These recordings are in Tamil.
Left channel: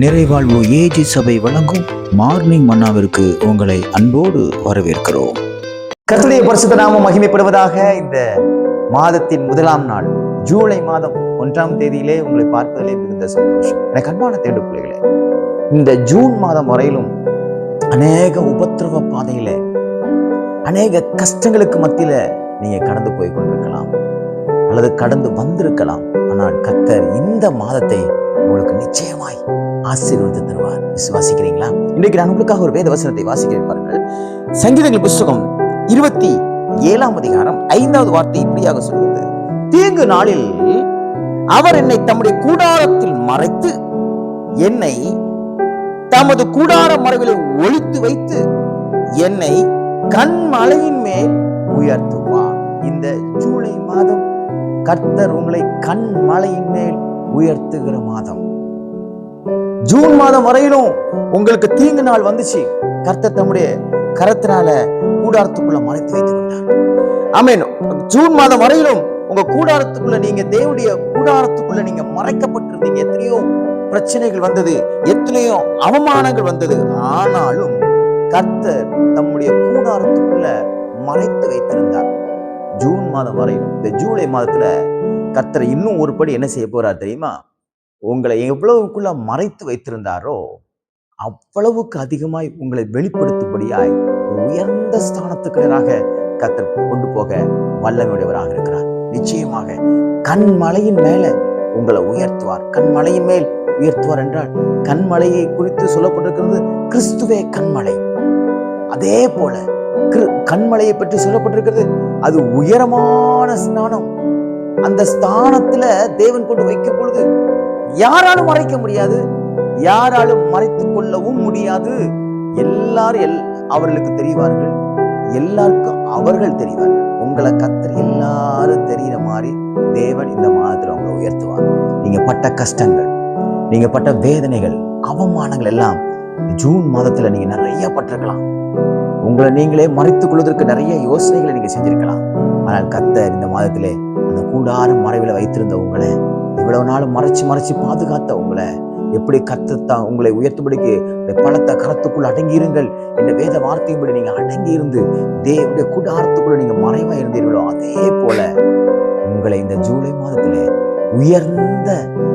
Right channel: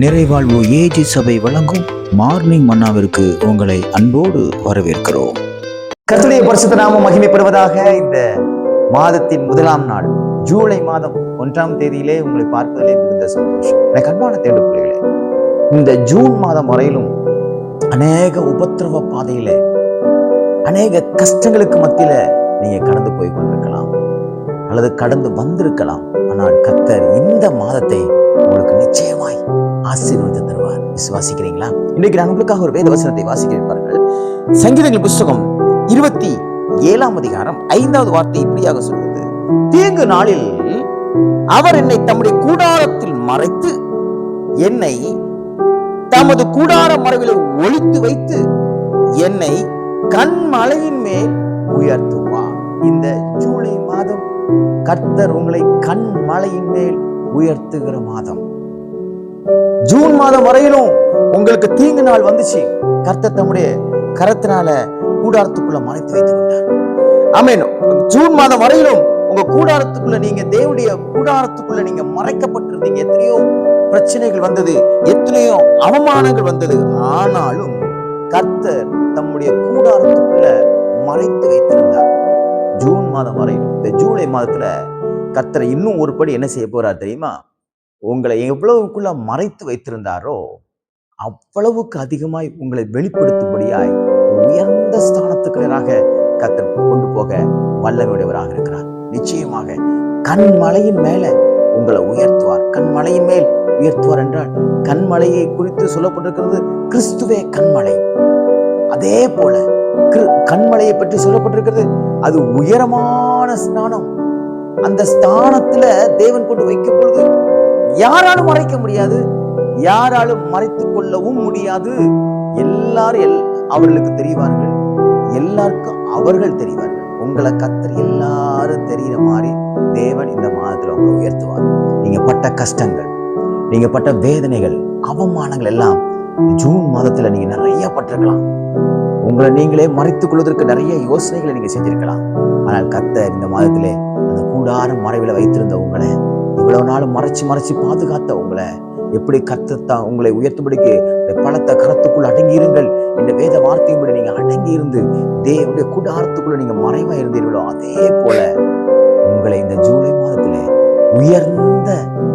நிறைவாழ்வு ஏஜி சபை வழங்கும் மார்னிங் மன்னாவிற்கு உங்களை அன்போடு வரவேற்கிறோம். கர்த்தருடைய பரிசுத்த நாமம் மகிமைப்படுவதாக. இந்த மாதத்தின் முதலாம் நாள் ஜூலை மாதம் 1ஆம் தேதியிலே உங்களை பார்ப்பதிலே மிகுந்த சந்தோஷம். எனக்கு அன்பான தேடு பிள்ளைகளே, இந்த ஜூன் மாதம் வரையிலும் அநேக உபத்திரவ பாதையில அநேக கஷ்டங்களுக்கு மத்தியில நீங்க கடந்து போய் கொண்டிருக்கலாம் அல்லது கடந்து வந்திருக்கலாம். ஆனால் கர்த்தர் இந்த மாதத்தை உங்களுக்கு நிச்சயமாய் ஆசீர்வாதத்தை தருவார். விசுவாசிக்கிறீங்களா? இன்றைக்கு நான் உங்களுக்காக ஒரு வேத வசனத்தை வாசிக்கிறேன் பாருங்கள். சங்கீதங்கள் புஸ்தகம் 27ஆம் அதிகாரம் 5வது வார்த்தை இப்படியாக சொல்கிறது: தீங்கு நாளில் அவர் என்னை தம்முடைய கூடாரத்தில் மறைத்து என்னை தமது கூடார மறைவிலே ஒளித்து வைத்து என்னை கண்மலையின் மேல் உயர்த்துவார். இந்த ஜூலை மாதம் கர்த்தர் உங்களை கண்மலையின் மேல் உயர்த்துகிற மாதம். ஜூன் மாதம் வரையிலும் உங்களுக்கு தீங்கு நாள் வந்துச்சு, கர்த்தர் தம்முடைய கரத்தினால கூடாரத்துக்குள்ள மறைத்து வைத்துக் கொண்டார். ஆமென். ஜூன் மாதம் வரையிலும் உங்க கூடாரத்துக்குள்ள, நீங்க தேவனுடைய கூடாரத்துக்குள்ள நீங்க மறைக்கப்பட்டிருந்தீங்க. எத்தனையோ பிரச்சனைகள் வந்தது, எத்தனையோ அவமானங்கள் வந்தது. ஆனாலும் கர்த்தர் தம்முடைய கூடாரத்துக்குள்ள மறைத்து வைத்திருந்தார். ஜூன் மாதம் வரையிலும். இந்த ஜூலை மாதத்துல கர்த்தர் இன்னும் ஒரு படி என்ன செய்ய போறார் தெரியுமா? உங்களை எவ்வளவுக்குள்ள மறைத்து வைத்திருந்தாரோ அவ்வளவுக்கு அதிகமாய் உங்களை வெளிப்படுத்தும்படியாய் உயர்ந்த ஸ்தானத்துக்கு நேராக கர்த்தர் கொண்டு போக வல்லமையுடையவராக இருக்கிறார். நிச்சயமாக கண்மலையின் மேல உங்களை உயர்த்துவார். கண்மலையின் மேல் உயர்த்துவார் என்றால் கண்மலையை குறித்து சொல்லப்பட்டிருக்கிறது கிறிஸ்துவே கண்மலை. அதே போல கண்மலையை பற்றி சொல்லப்பட்டிருக்கிறது அது உயரமான ஸ்தானம். அந்த ஸ்தானத்துல தேவன் கொண்டு வைக்கும் பொழுது யாராலும் மறைக்க முடியாது, யாராலும் மறைத்துக் கொள்ளவும் முடியாது. எல்லாரும் அவர்களுக்கு தெரிவார்கள், எல்லாருக்கும் அவர்கள் தெரிவார்கள். உங்களை கர்த்தர் எல்லாரும் தெரிகிற மாதிரி தேவன் இந்த மாதத்துல உங்களை உயர்த்துவார். நீங்க பட்ட கஷ்டங்கள், நீங்க பட்ட வேதனைகள், அவமானங்கள் எல்லாம் ஜூன் மாதத்துல நீங்க நிறைய பட்டிருக்கலாம். உங்களை நீங்களே மறைத்துக் கொள்வதற்கு நிறைய யோசனைகளை நீங்க செஞ்சிருக்கலாம். ஆனால் கர்த்தர் இந்த மாதத்திலே அந்த கூடார மறைவில வைத்திருந்த உங்களை, இவ்வளவு நாளும் மறைச்சு பாதுகாத்த உங்களை, எப்படி கர்த்தர் உங்களை உயர்த்தும்படிக்கு பலத்த கரத்துக்குள் அடங்கியிருங்கள் என்ற வேத வார்த்தையின்படி நீங்க அடங்கி இருந்து தேவனுடைய கூடாரத்துக்குள்ள நீங்க மறைவா இருந்தீர்களோ, அதே போல உங்களை இந்த ஜூலை மாதத்திலே உயர்ந்த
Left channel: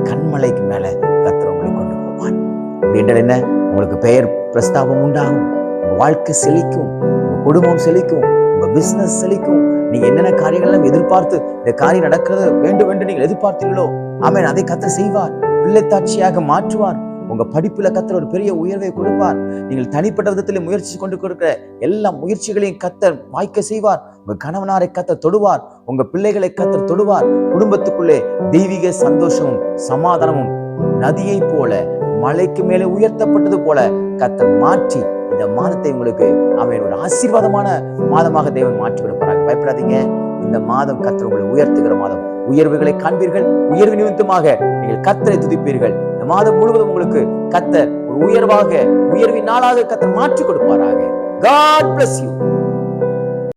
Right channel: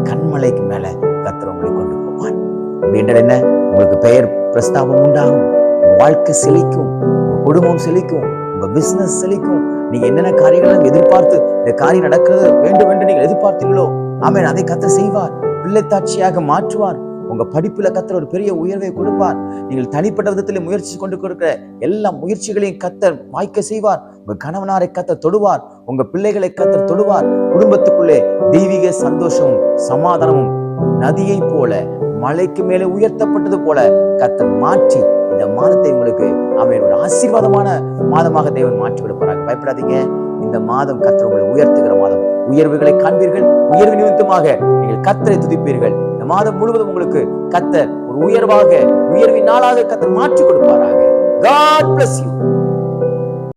கண்மலைக்கு மேல கர்த்தர் உங்களை கொண்டு போவார். அப்படின்றது என்ன? உங்களுக்கு பெயர் பிரஸ்தாபம் உண்டாகும், உங்க வாழ்க்கை செழிக்கும், உங்க குடும்பம் செழிக்கும், உங்க பிசினஸ் செழிக்கும். நீங்க என்னென்ன காரியங்களும் எதிர்பார்த்து இந்த காரியம் நடக்கிறது வேண்டும் என்று நீங்கள் எதிர்பார்த்தீர்களோ, ஆமென், அதை கர்த்தர் செய்வார். பிள்ளைத்தாட்சியாக மாற்றுவார். உங்க படிப்புல கர்த்தர் ஒரு பெரிய உயர்வை கொடுப்பார். நீங்கள் தனிப்பட்ட விதத்தில் முயற்சி கொண்டு கொடுக்கிற எல்லா முயற்சிகளையும் கர்த்தர் வாய்க்க செய்வார். உங்க கணவனாரை கர்த்தர் தொடுவார், உங்க பிள்ளைகளை கர்த்தர் தொடுவார். குடும்பத்துக்குள்ளே தெய்வீக சந்தோஷமும் சமாதானமும் நதியை போல மலைக்கு மேலே உயர்த்தப்பட்டது போல கர்த்தர் மாற்றி இந்த மாதத்தை உங்களுக்கு ஆமென் ஒரு ஆசீர்வாதமான மாதமாக தேவன் மாற்றி கொடுப்பாராக. பயப்படாதீங்க. இந்த மாதம் கர்த்தர் உங்களை உயர்த்துகிற மாதம். உயர்வுகளை காண்பீர்கள். உயர்வு நிமித்தமாக நீங்கள் கர்த்தரை துதிப்பீர்கள். இந்த மாதம் முழுவதும் உங்களுக்கு கர்த்தர் ஒரு உயர்வின் நாளாக கர்த்தர் மாற்றி கொடுப்பாராக. God bless you.